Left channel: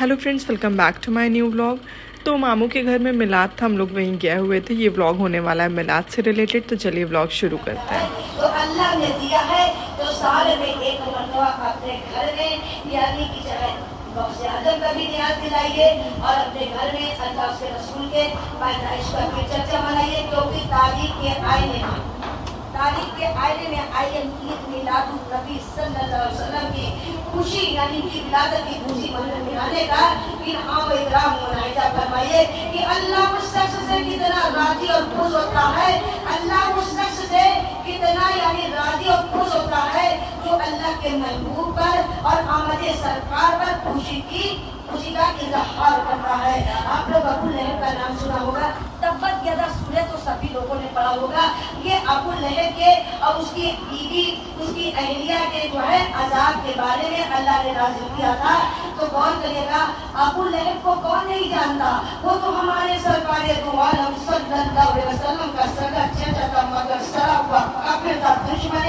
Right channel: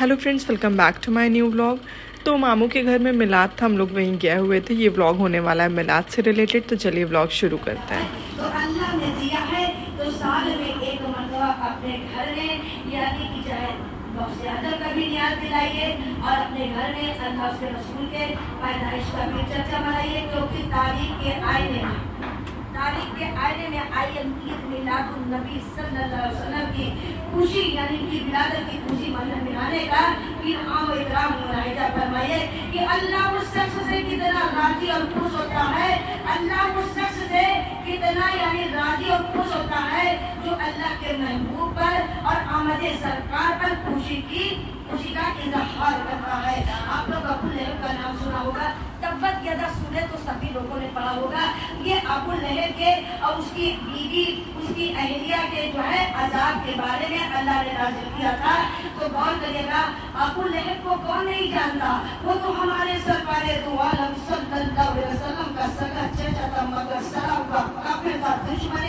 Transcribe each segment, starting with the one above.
Hello friends, welcome back to my new vlog. तो मामू के घर में मिलाद था, हम लोग वहीं गए हुए थे। ये व्लॉग होने वाला है मिलाद से रिलेटेड, तो चलिए व्लॉग शुरू करते हैं। तो अल्लाह ने दिया है तो साल में एक मरतबा अपने घर में यानी कि चाहे गौसे आजम का भी याद दिलाइए और अपने घर में अल्लाह के रसूल के पैदाइश का भी चर्चा मनाइए, क्योंकि तारीख के आईने में आइए ईद मिलादुन नबी सल्लल्लाहु अलैहि वसल्लम की खुशी यानी कि विलादत की खुशी मनाने का इनाम इकराम मुनाहिदा फरमाइए कि अल्लाह उस शख्स से कितना राजी और खुश होता है, अल्लाह उस शख्स से कितना यानी राजी और खुश होता है जो अल्लाह के महबूब पर और आमद सरकार पर खुशी का इजहार करता है। आप लोग अबू लहब का नाम सुना होगा, तब्बत यदा सूरह तो सभी लोगों ने पढ़ा होगा। ये अबू लहब के और उसकी बीवी उसकी अहलिया के जो है अजाब के बारे में अल्लाह ने नाज़िल किया था। तो कौन करेगा? अबू लहब को कौन नहीं जानता? वो तो हमारे सरकारे दो आलम सल्लल्लाहु अलैहि वसल्लम का सगा चाचा था, मगर सराफ का काफिर था, दुश्मन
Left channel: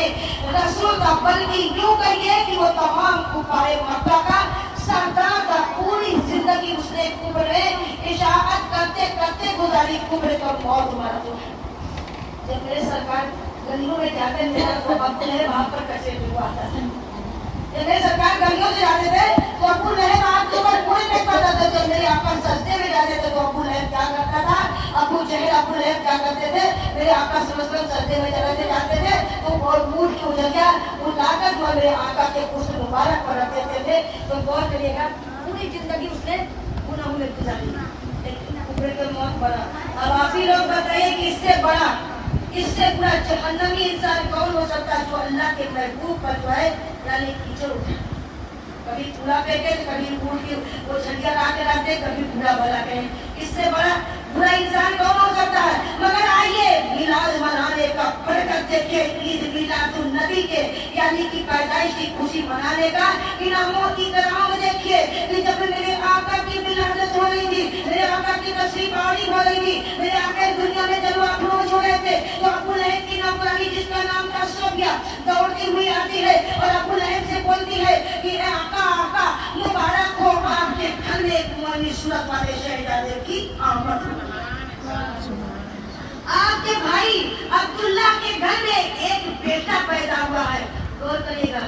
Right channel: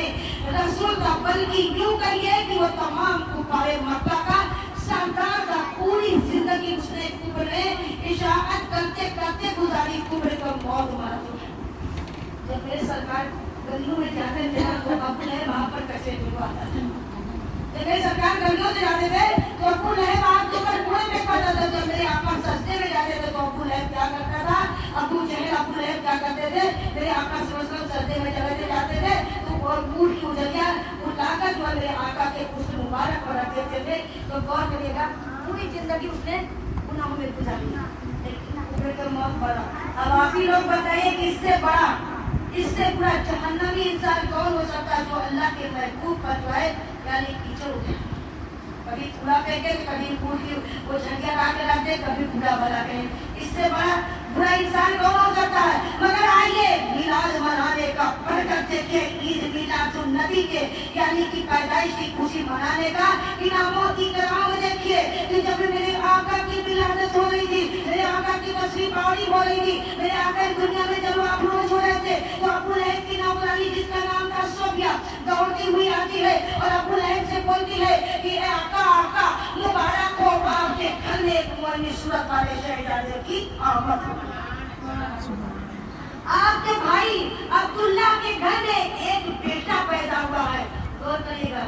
रसूल का। बल्कि यूं कहिए कि वो तमाम कुफारे मक्का का सरदार था। पूरी जिंदगी उसने कुफर में इशाअत करते करते गुजारी, कुफर को मौत मारा। जब मेरे सरकार गलियों में जाते थे तो अबू लहब वहां पर कैसे आता था। जब मेरे सरकार गलियों से जाते थे तो अबू लहब आग के ऊपर कुएं फेंकता था। जब मेरे आका सजदे में जाते थे तो अबू लहब क्या करता था? अबू जहल अबू लहब क्या करते थे? मेरे आका सल्लल्लाहु अलैहि वसल्लम सजदे में चले जाते थे तो वो मूड की उजलिया उठाकर जो मेरे आका के पुष्प मुबारक पर रख देते थे। तो गौर करिएगा, पूरी जिंदगी उसने गुनाहों में गुजारी, लेकिन कुफर की मौत बड़ा। अब आप ही लोग बताइए कि इससे बड़ा, इससे पूरा जहन्नमी इंसान कौन हो सकता है जो अल्लाह के महबूब पर जो है यानी कीचड़ उठाए, कभी कूड़ा फेंके, कभी कूड़ की वो झंडिया ला के रख दे, कभी कूड़ा वाला कहे। इससे बड़ा बुरा इंसान कौन हो सकता है? मगर आइए मिलाद मनाने का बरकत देखिए, ईद मिलादुन नबी के यानी कि पैदाइश की खुशी मनाने का इनामों की कराम देखिए कि जब मेरे आका की विलादत हो रही थी, मेरे आका की तशरीफ आनी हो रही थी, मेरे आका दुनिया में जब अफरोज हो रहे थे तो अबू लहब की नौकरानी जिसका नाम था सोफिया दौड़ती हुई आती है और अबू लहब से बोलती है कि आका आका मुबारक हो, आपके घर में एक मोनी सूरत वाले शहजादे की आमद। आपके भाई अब्दुल्ला के घर में एक बेटा पैदा हुआ है। गौर करिएगा,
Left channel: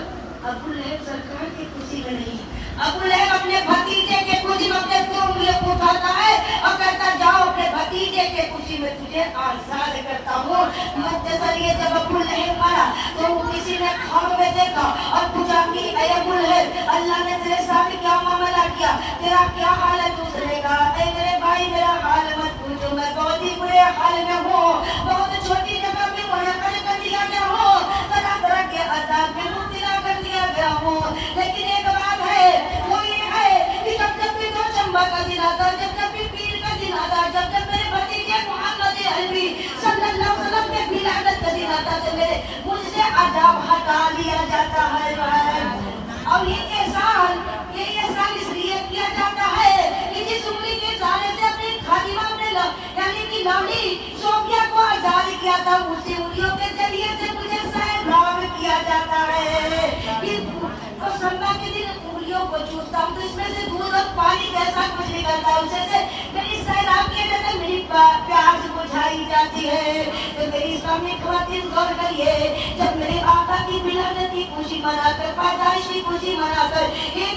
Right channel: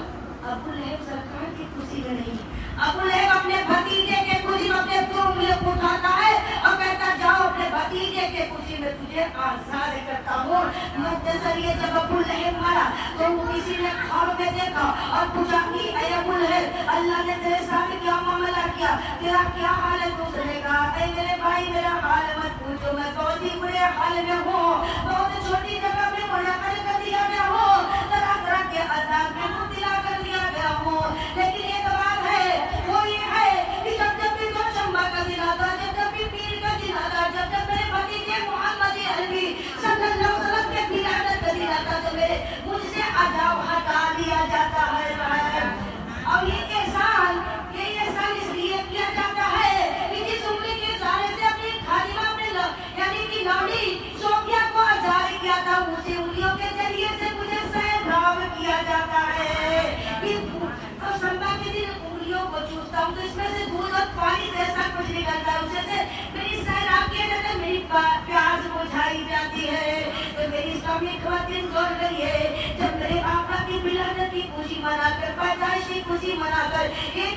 अबू लहब सरकार की खुशी में नहीं, अबू लहब अपने भतीजे के खुशी में अपने दो उंगलियों को उठाता है और कहता जाओ अपने भतीजे के खुशी में तुझे आजाद करता हूँ। मुख्तसरिये जब अबू लहब मारा तो किसी ने ख्वाब में देखा और पूछा कि ऐ अबू लहब, अल्लाह ने तेरे साथ क्या मामला किया, तेरा क्या हाल है? दूसरे कहा ऐ मेरे भाई मेरा हाल मत पूछो, मैं बहुत ही बुरे हाल में हूँ, बहुत छोटी जगह में मुनक़द कर दिया गया हूँ, तरह तरह के अज़ाब में मुब्तला कर दिया गया हूँ। लेकिन एक बात है, वो ये है कि जब भी चंबा का दिन आता, जब भी पीर का दिन आता, जब मेरे भतीजे मोहम्मद अरबी सल्लल्लाहु अलैहि वसल्लम के विलादत का दिन आता तो मेरे मुझसे अज़ाब हटा लिया जाता है। और ये एहसान इसलिए किया जाता है कि जिस उम्र के साले से अपनी खादिमा अपने यानी कि लाड़ी सोफिया को आजाद किया था, उसी उंगलियों के जरिए से मुझे सैराब किया जाता है कि तो संभा के दिन उंगलियों को चूसता हूँ तो इसमें से दूध और पानी जैसा कुछ निकलता है, उसे से मेरी सैराब की वजह से मेरी प्यास बुझाई जाती है। तो मेरी इस्लामी ख़वातीन गौर करिए, जब मेरे आका की विलादत की खुशी मनाकर, पैदाइश की खुशी मनाकर एक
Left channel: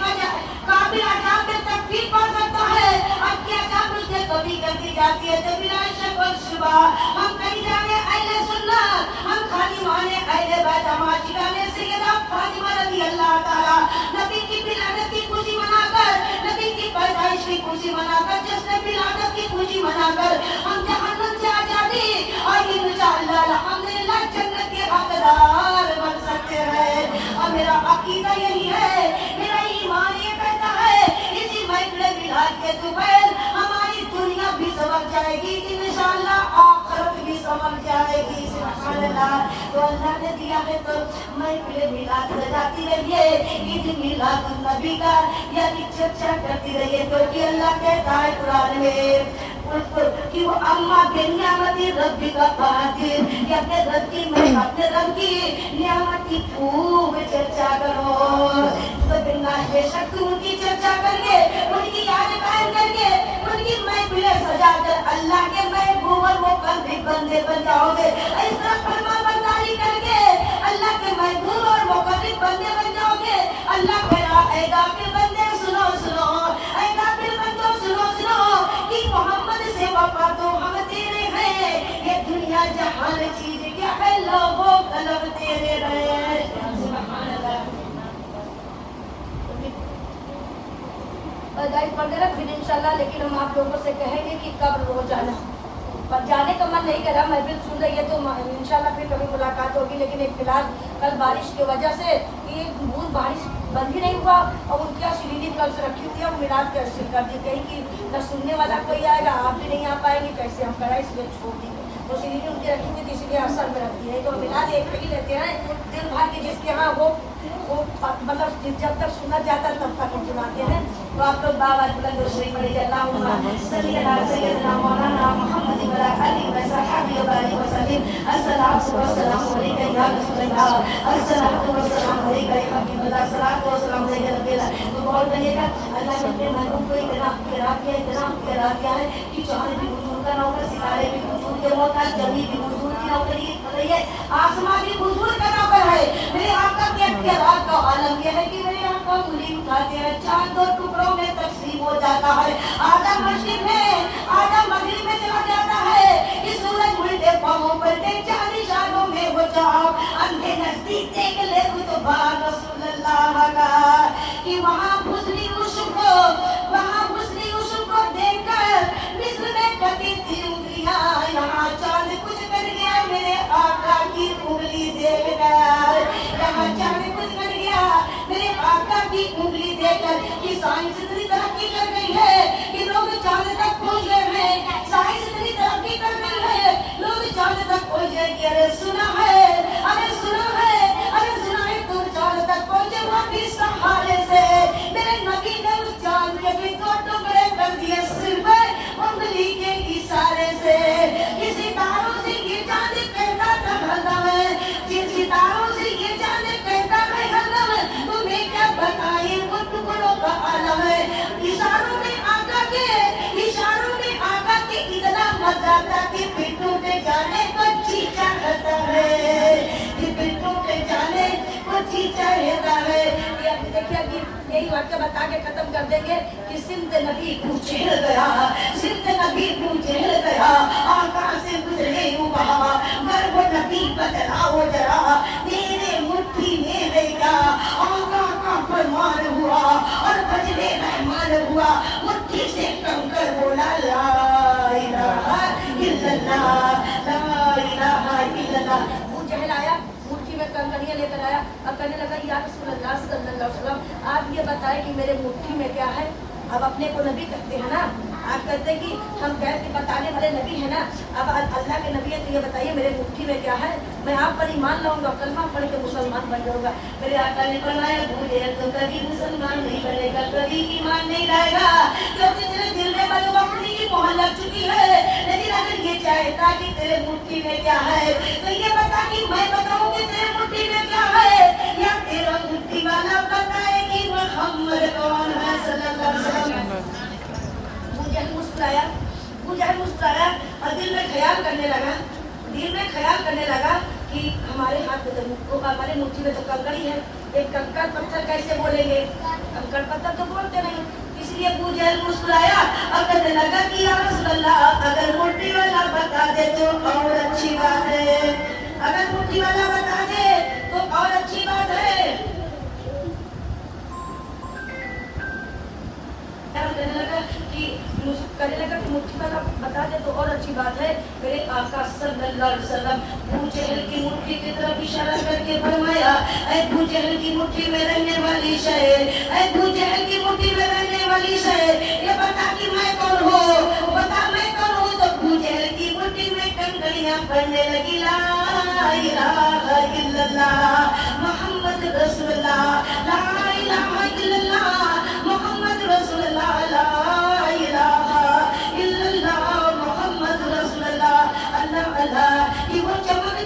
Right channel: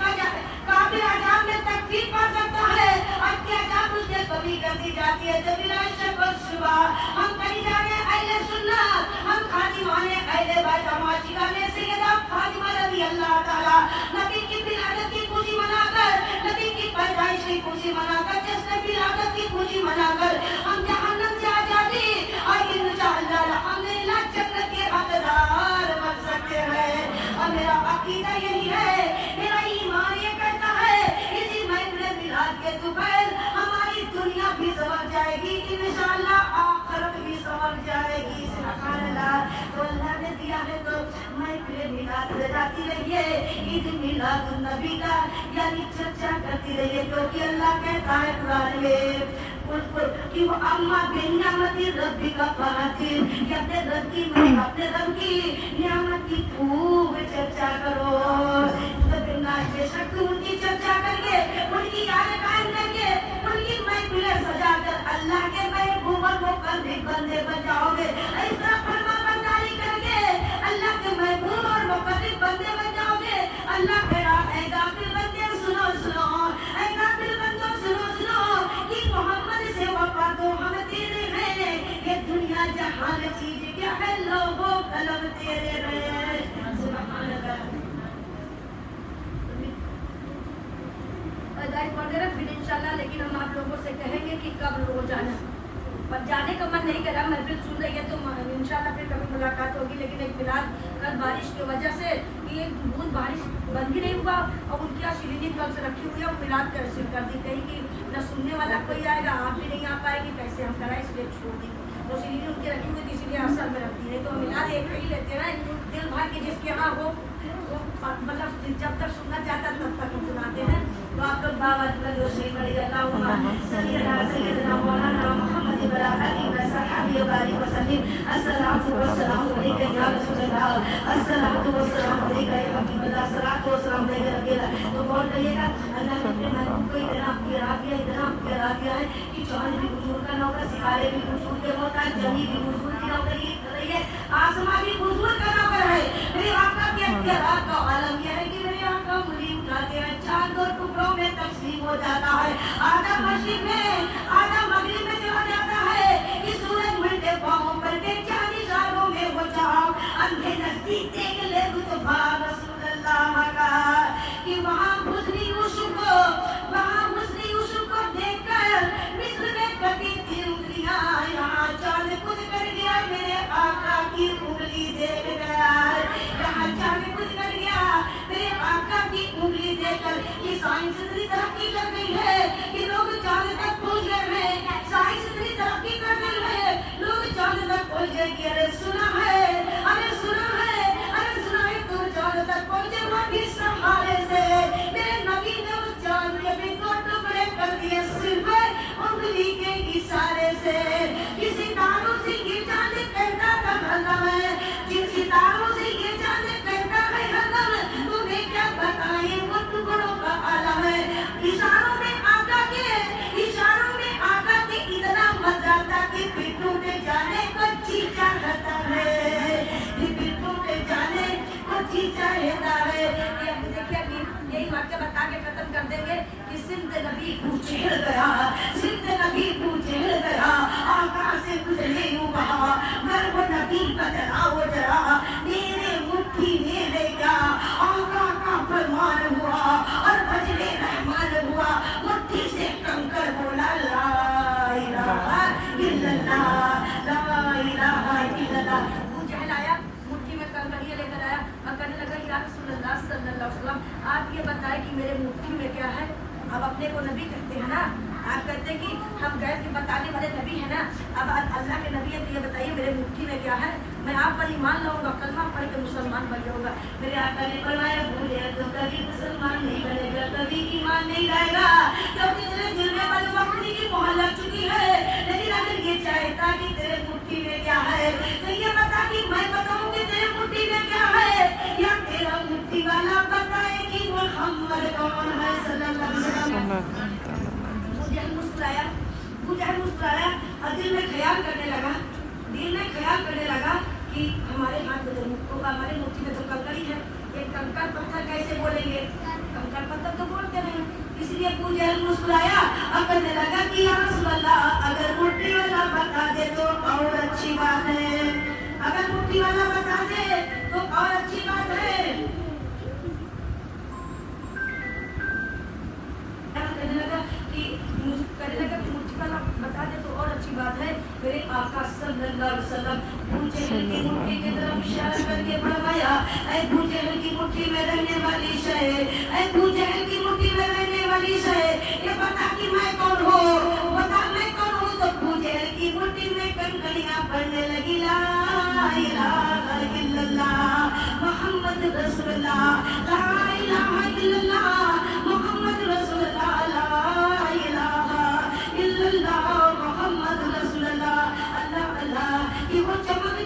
काफिर अजाब में तकलीफ पड़ सकता है, अत्याचार उसने कभी कर दी जाती है। जब सुबह हम कहीं जाने अहले सुन्नत, हम खादिमाने अहले बैत माशियाने सैयदा फातिमा रज़ी अल्लाह ताला नबी की विलादत की खुशी मनाकर, नबी की पैदाइश की खुशी मनाकर, जिसने विलादत की खुशी मनाकर हम जहन्नम से आजादी और इंशाअल्लाह अल्हम्दुलिल्लाह जन्नत के हकदार बन सकते हैं। और मेरा अकीदा यही है, मेरा ईमान ये कहता है इसी महफिल मिलाद के दोपहर हमारी दुनिया भी संभल जाएगी, इंशाअल्लाह आखिरत भी संभल जाएगी। सुभान अल्लाह। तो अल्लाह ने दिया है तो महफिल मिलाद सजाती रहिए, ईद मिलादुन नबी का यानी चर्चा करती रहिए, क्योंकि अल्लाह कहता है कुरान में कि वो अम्मा बिनियामती रब्बी का फातिर, कि अपने रब की नियामत की खूब चर्चा करो। तो बेशक तुम उनकी चर्चा करके, उनकी याद कायम करके, उनकी महफिलें सजा कर अल्लाह के महबूब और मुकर्रब बंदे बन जाओगे। इस तरह फरमाबरदारी करके अल्लाह के महबूब और मुकर्रब बंदे बन जाओगे। अल्लाह कह ऐ गाफिल बंदे सुनो सुनो, ऐ गाफिल बंदो सुनो सुनो कि मोहम्मद से वफा तो हम तेरे हैं, ये दुनिया जहान चीज क्या है, लोगों कलम तेरे हैं। सुभान अल्लाह। गाइस पढ़ देना फिर इंशाल्लाह, लेकिन हम आप लोगों से कहेंगे कि कब रोज आना। पर जाने का मन नहीं कर रहा, महफिल सुन रही है तो इंशाल्लाह फिर कभी मुलाकात होगी। लेकिन एक फिलहाल कल बारिश की वजह से ये बूंद बारिश बंद ही नहीं हुआ और उनकी श्रीनी कल से रखी हुई है, वो मिलाद कैंसिल कर दी। कहीं कि न सुनने वाला कोई आएगा, आप भी नहीं आ पाएंगे, कैसे हम कराए, इसलिए छोड़ दी। तो श्रीनी उनकी रखी हुई थी, इसलिए असर में रख दी है। तो मिलाद एक ही लेते हैं दिल भर के, जिसके यहाँ वो मतलब जब तक सुनना चाहता तब तक हम सुनाते हैं। तो आप लोग बाबा दूसरी पढ़े बहुत रहिएगा। अल्लाह के महबूब को इतना प्यार किया है कि चांद भी बुजुर्ग का नौकर, सितारे भी बुजुर्ग के नौकर, जमी भी बुजुर्ग की नौकरी कर रही है, आसमां भी बुजुर्ग का नौकर है। मेरे आका के प्यार का आलम यह है कि मेरे आका उंगली उठाते हैं, चांद दो टुकड़ों में तकसीम हो जाता है। आधा मशरिक में, आधा मगरिब में चला जाता है कि सूरज उल्टे पांवों पर टेक, चांद इशारों में हो जाओ, अंधे नजदीक देख ले कुछ बात रसूलुल्लाह का कि वहाँ हुस्न को देखकर मिस्र में कटी थी उंगलियां, यहाँ चांद कुछ कर गया मेरे आका की उंगली देखकर, यहाँ चांद कुछ कर गया मेरे आका की उंगली देखकर। कि साइंस इतनी तरक्की कर गई है कि लोग चांद तक पहुंच गए हैं, साइंस इतनी तरक्की कर गई है, लोग चांद तक पहुंच गए कि अरे सुना है, अरे सुना है, अरे सुना है, तुम चांद तक पहुंचे हुआ भी सहारे से। मेरे नबी ने उस चांद के भी दो टुकड़े कर दिए सिर्फ उंगली के इशारे से। कि सितारों से ये चांद कहता था हरदम, जिन सितारों से ये चांद कहता है हरदम, तुम्हें क्या बताए वो टुकड़ों का आलम है। इशारों में आका के, इशारों में आका के इतना मजा आता कि फिर टूटे जाने को चीचा रहता है, फिर टूटे जाने को चीचा रहता है। देखिए कि यही वाक्य बता के खत्म कर देंगे कि सिंध नदी पूछे गया, सिंध नदी पूछे गया, आकाश से गुजरे यूं कहा, गर्भ नदी बदलाओ जरा, तेरे मुट्ठी में है क्या, आका का फरमान हुआ और बजने रहमान हुआ, मुट्ठी से कंकर बोला ला इलाहा इल्लल्लाह, ला इलाहा इल्लल्लाह। मुझे लाया मुट्ठी में कंकड़ियां लेकर आया और कहने लगा या रसूलल्लाह सल्लल्लाहु अलैहि वसल्लम आप ये बताएं कि मेरे मुट्ठी में क्या है। अब अपने को नबी कहते हैं ना, आप कहते हैं कि हम गैर के बताने वाले नबी है ना, अब अल्लाह के नबी है तो ये बताइए मेरे मुट्ठी में क्या है। मैं आप पर ईमान लाऊंगा, कलमा पढ़ के मुसलमान बन जाऊंगा। मेरे आका ने फरमाया भूले तो कभी मुसलमान नहीं बनेगा, कभी ईमान नहीं लाएगा, क्योंकि तेरे दिल में बदबख्ती की मोहर लग चुकी है। लेकिन अगर ये चाहता कि तेरे मुट्ठी में क्या है तो ये बता कि मैं बताऊं कि तेरे मुट्ठी में क्या है, या तेरा मुट्ठी वाला बताए कि मोहम्मद कौन है सल्लल्लाहु अलैहि वसल्लम। मुझे मुस्कुराया और दिल में ख्याल करने लगा कि हमारे हाथ में तो हमारे मुट्ठी में तो कंकड़ी है, एक कंकड़ पत्थर कैसे बोलेंगे, कंकड़ पत्थर तो बोलते नहीं। इसलिए मुझे मुस्कुराया और कहने लगा कि या रसूलल्लाह अगर मुट्ठी वाला बता दे तो और अच्छी बात है, अगर मुट्ठी वाला बता दे तो और अच्छी बात है। कहने लगा कि मुट्ठी वाला बता दे तो और अच्छी बात है। मेरे आका सल्लल्लाहु अलैहि वसल्लम अबू जहल की मुट्ठी की तरफ इशारा करके फरमाया ऐ अबू जहल की मुट्ठी में रहने वाली शय, ऐ अबू जहल की मुट्ठी में रहने वाली शय, ये बता कि मैं कौन हूँ, बता मैं कौन हूँ। तो अबू जहल की मुट्ठी में कंकड़ियां पड़ने लगी, ला इलाहा इल्लल्लाह मुहम्मद रसूलुल्लाह, ला इलाहा इल्लल्लाह मुहम्मद रसूलुल्लाह, ला इलाहा इल्लल्लाह मुहम्मद रसूलुल्लाह। अल्लाह अल्लाह कि वो चमक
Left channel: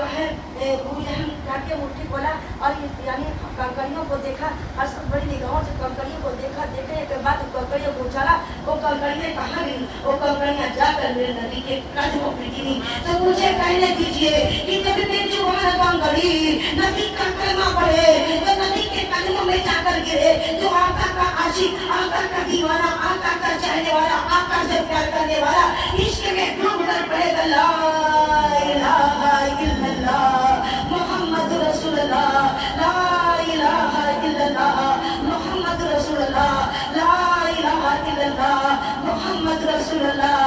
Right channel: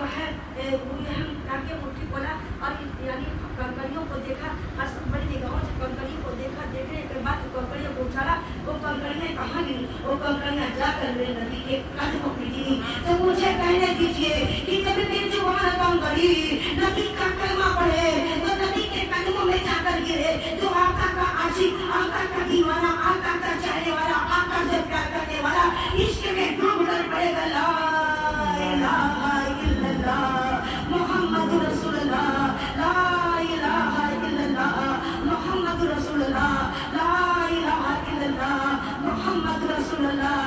जो है अबू जहल काट के मुट्ठी खोला और यानी कंकड़ियों को देखा, हर बड़ी निगाहों से कंकड़ियों को देखा। देखने के बाद कंकड़ियों को उछाला, वो कंकड़ियाँ कहाँ गई? वो कंकड़ियाँ जाकर मेरे नबी के कदमों पे गिरी। तो मुझे कहने दीजिए कि जब बेजुबान कंकड़ी नबी का कलमा पढ़े, तो नबी के कदमों में जाकर गिरे, जो आका का आशिक, आका का दीवाना, आका का चाहने वाला, आका से प्यार करने वाला इश्क में डूब कर पड़ेगा। ला इलाहा इल्लल्लाह मुहम्मद रसूलुल्लाह, ला इलाहा इल्लल्लाह मुहम्मद रसूलुल्लाह, ला इलाहा इल्लल्लाह मुहम्मद रसूलुल्लाह।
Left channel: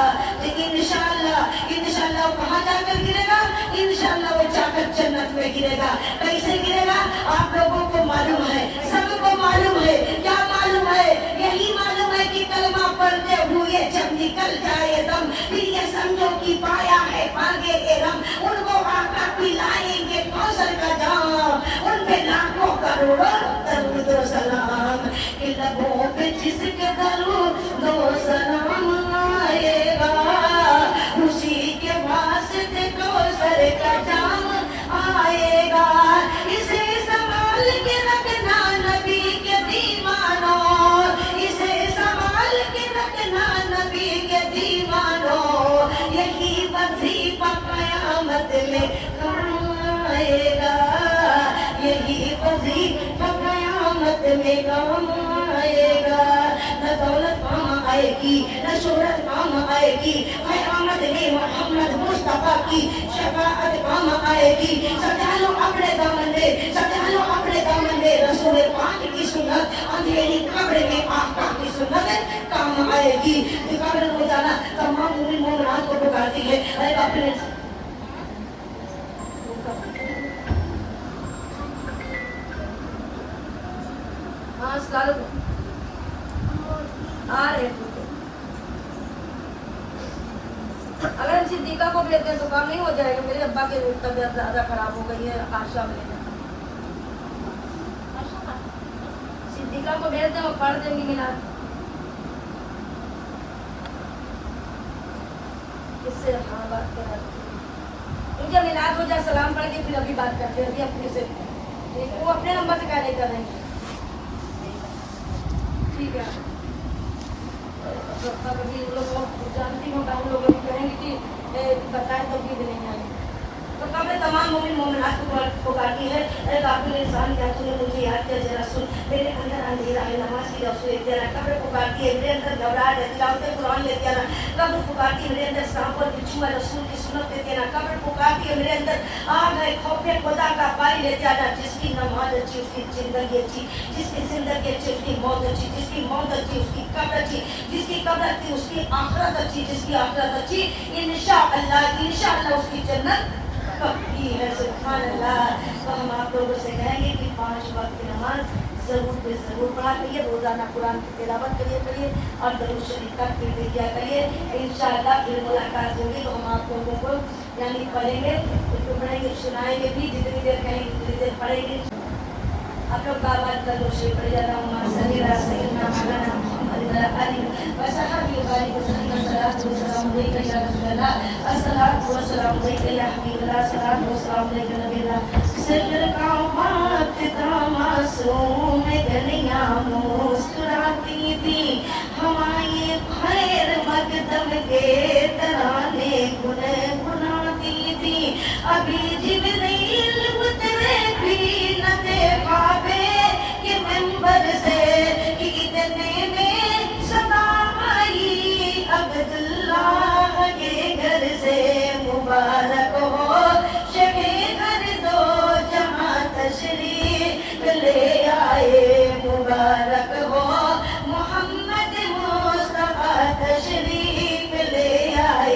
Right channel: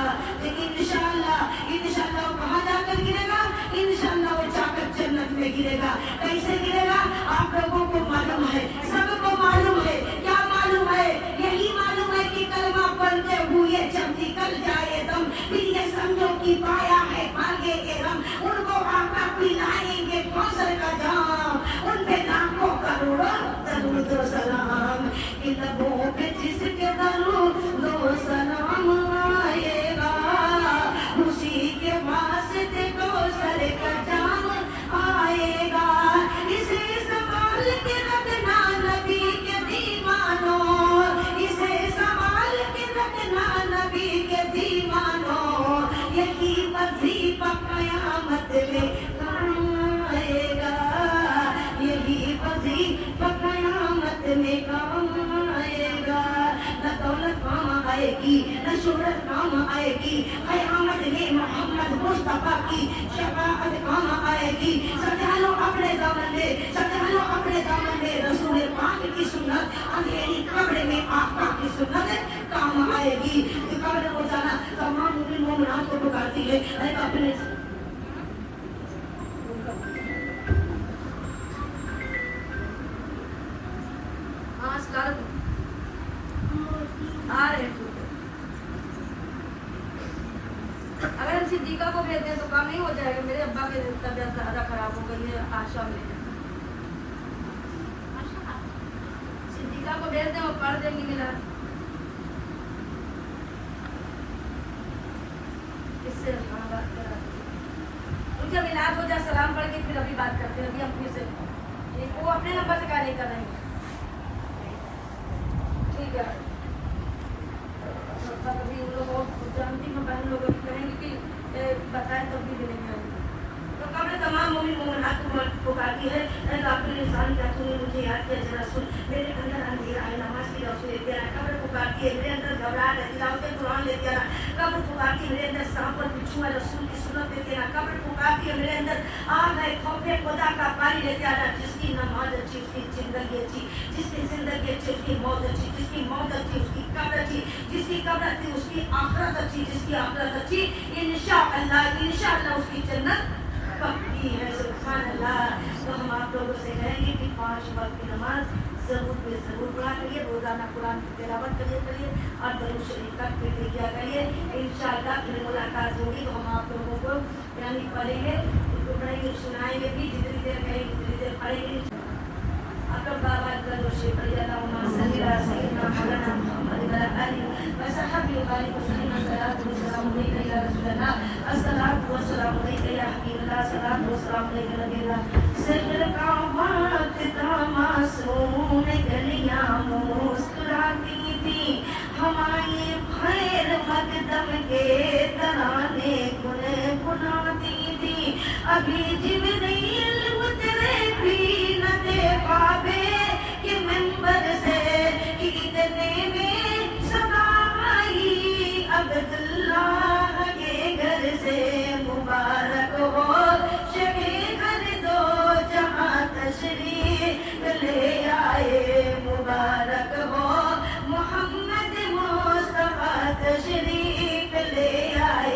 लेकिन इंशाअल्लाह कहाँ जाकर गिरेगा? इंशाअल्लाह वो जाकर जन्नत में गिरेगा। कैसे गिरेगा? आप लोगों को मालूम है, सबको मालूम है। क्या मालूम है? यही मालूम है कि कलमा पढ़ते हुए जब निकल जाए दम, फिर ये समझो कि पाया है भागे के रम। उनको आका पिलाएंगे कौसर का जाम, उन पे लाखों करोड़ों दरूद व सलाम। कि लबों पे जिसके दरूद व सलाम आएगा, उसी के वास्ते कौसर का जाम आएगा। इसे संभाल के रखना नबी के दीवानों, इसे संभाल के रखना नबी के दीवानों। यही वजीफा क़यामत में काम आएगा, यही वजीफा क़यामत में काम आएगा। न दौलत काम आएगी, न शोहरत काम आएगी, क़यामत में मोहम्मद मुस्तफा की शफाअत काम आएगी। सजा लो अपने दामन में, सजा लो अपने दामन में, रसूल पाक की सुन्नत अंधेरी कब्र में आका की सुन्नत काम आएगी। जो कब्र को जाना तमाम मुमिन मोमिनात को पुकारती है, अरे अपने आ रहे अगर हम सिद्दीका को भेजते हैं तो काम नहीं हो जाएगा। मेरे अब्बा की तबीयत ज़्यादा खराब हो गई है, आशा में सिद्दीका को भेज दें, वो पढ़ देंगी मिलाद। इससे हाँ बात कर मुझे मिलाद हो जाए, सलाम पढ़ के फिर अभी बात करते हैं, अभी अपनी से ठीक है। वो अपने नंबर से क्या नहीं करेंगे, ठीक है। कभी वो लोग जानती हूँ, हम लोग कहेंगे कि बताएं तो भी नहीं आएंगे। तो कब्र तमाम मोमिन मोमिनात को पुकारती है, अरे काबिल इंसान क्या तूने मुझे याद किया, जरा सुन। मेरे अंदर अंधेरा है, नमाज की रोशनी लेते आना। कब्र पुकारती है, मेरे अंदर घबराहट है, तिलावत कुरान लेते आना। कब्र पुकारती है, मेरे अंदर सांप और बिच्छू है, रसूल की सुन्नत लेते आना। कब्र पुकारती है, मेरे अंदर आग है, खौफे खुदा का पानी लेते आना। जिसकी नमाज अच्छी उसकी जिंदगी अच्छी, जिसकी जिंदगी अच्छी उसकी मौत अच्छी, जिसकी मौत अच्छी उसकी कब्र अच्छी, जिसकी कब्र अच्छी उसकी आखिरत अच्छी, जिसकी आखिरत अच्छी इंशाअल्लाह उसकी जन्नत पक्की है। सुभान अल्लाह। तो हम आप लोगों से कहेंगे कि 5 वक्त की नमाज जरूर पढ़ा करिए, रोजाना कुरान की तिलावत करिए और दरूद शरीफ का फिक्र किया करिए। इंशाअल्लाह फिर मुलाकात होगी तो हम आप लोगों को यानी पढ़ेंगे, उसको पढ़ेंगे, सुनाएंगे भी, जितनी देर कहेंगे उतनी देर पढ़ेंगे। आप लोग बाबा का जो शेख रजाना सलीला सैयदना मौलाना मोहम्मद अली वसहबी वाली सल्लल्लाहु अलैहि वसल्लम अस्सलातु वस्सलामु अलैका या हबीबल्लाह, सलातु वस्सलामु अलैका नबीना सरकावत का मासूम गलियां मुस्कुराती थी, हमारी खैर मकदम के तराने गुनगुनाती थी। अभी जिब्रील उतरे भी न देखा के मिंबर से कि इतने में सदा आई अब्दुल्लाह के घर से। मुबारक हो शबे घर दो जहां तशरीफ ले आए, मुबारक हो मोहम्मद मुस्तफा तशरीफ ले आए।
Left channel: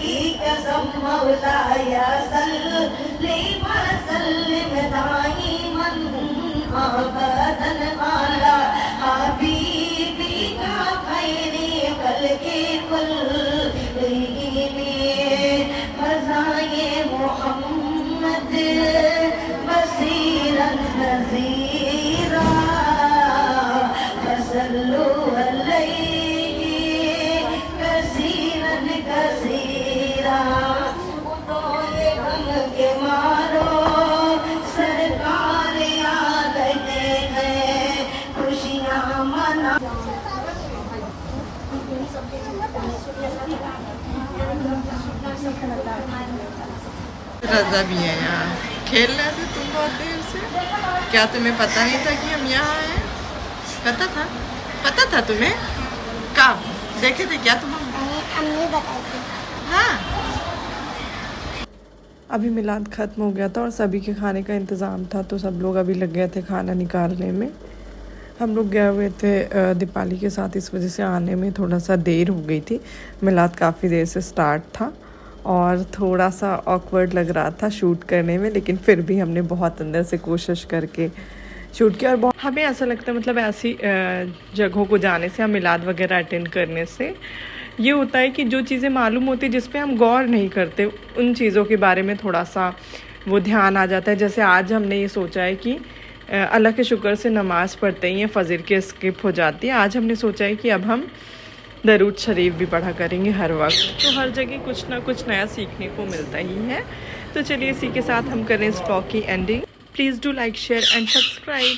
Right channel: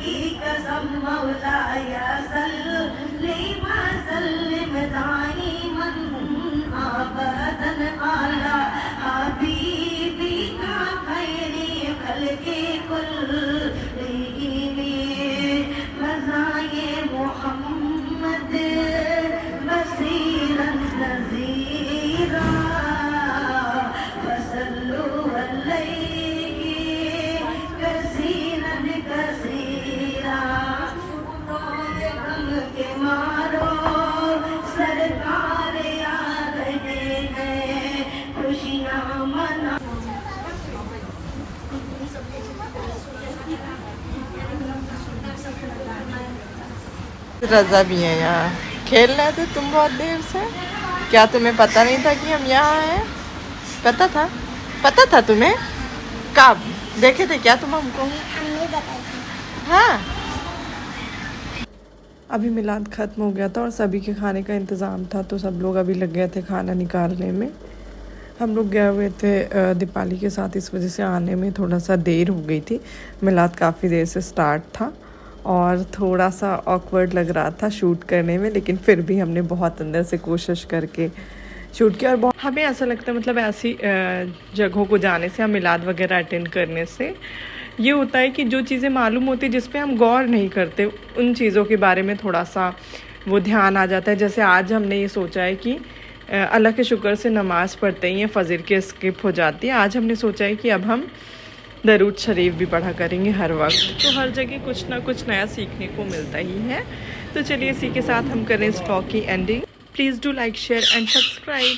की कसम मौलाया सल्ली वसल्लिम दाइमन अबदन अला हबीबी का खैरी खल्क़ि कुल्लिहिम फ़ज़ाए मुहम्मद बसीरन नज़ीरा फसल्लु अलैहि कसीरन कसीरा तोले गम के मारो सरकार आ गए हैं खुशियाँ मना रजा भी है यहाँ। खेल रहे थे तुम बहुत देर से? क्या तुम्हें पता नहीं था कि हम यहाँ हैं? पता था तुम्हें? कब देखे थे क्या तुम हमको? अम्मी बताई थी। हाँ। अभी मिलाद ख़त्म हो गया था और सभी के खाने का इंतज़ाम था, तो सब लोग अभी लग गए थे खाना निकालने में। हम लोग गए हुए थे दीपाली के साथ, इस वजह से आने में थोड़ा सा देर हो गई थी। मिलाद काफ़ी देर से स्टार्ट था और थोड़ा सा ऑकवर्ड लग रहा था शूट करने में, लेकिन फिर भी हमने बहुत अंदर से कोशिश करके शूट किया। और बहुत हमें ऐसा लगता है, मतलब ऐसी जगहों को जाने से, हम मिलाद वगैरह अटेंड करने से ये होता है कि जो चीज़ें मालूम होती है जिस पे हम गौर नहीं करते, उन चीज़ों के बारे में थोड़ा सा वो ध्यान आ जाता है। जैसे आज हमने ये सोचा है कि अल्लाह के शुक्र से नमाज़ पढ़ते ही फजर के स्किप हो जाती है। आज हमने सोचा है कि अब हम दरूद शरीफ भी पढ़ा करेंगे हर वक्त। तो हर जगह कुछ ना कुछ नया सीखने को मिलता ही है। तो चलिए इसी के साथ हम करें इस व्लॉग की ending. Please do like, share and subscribe.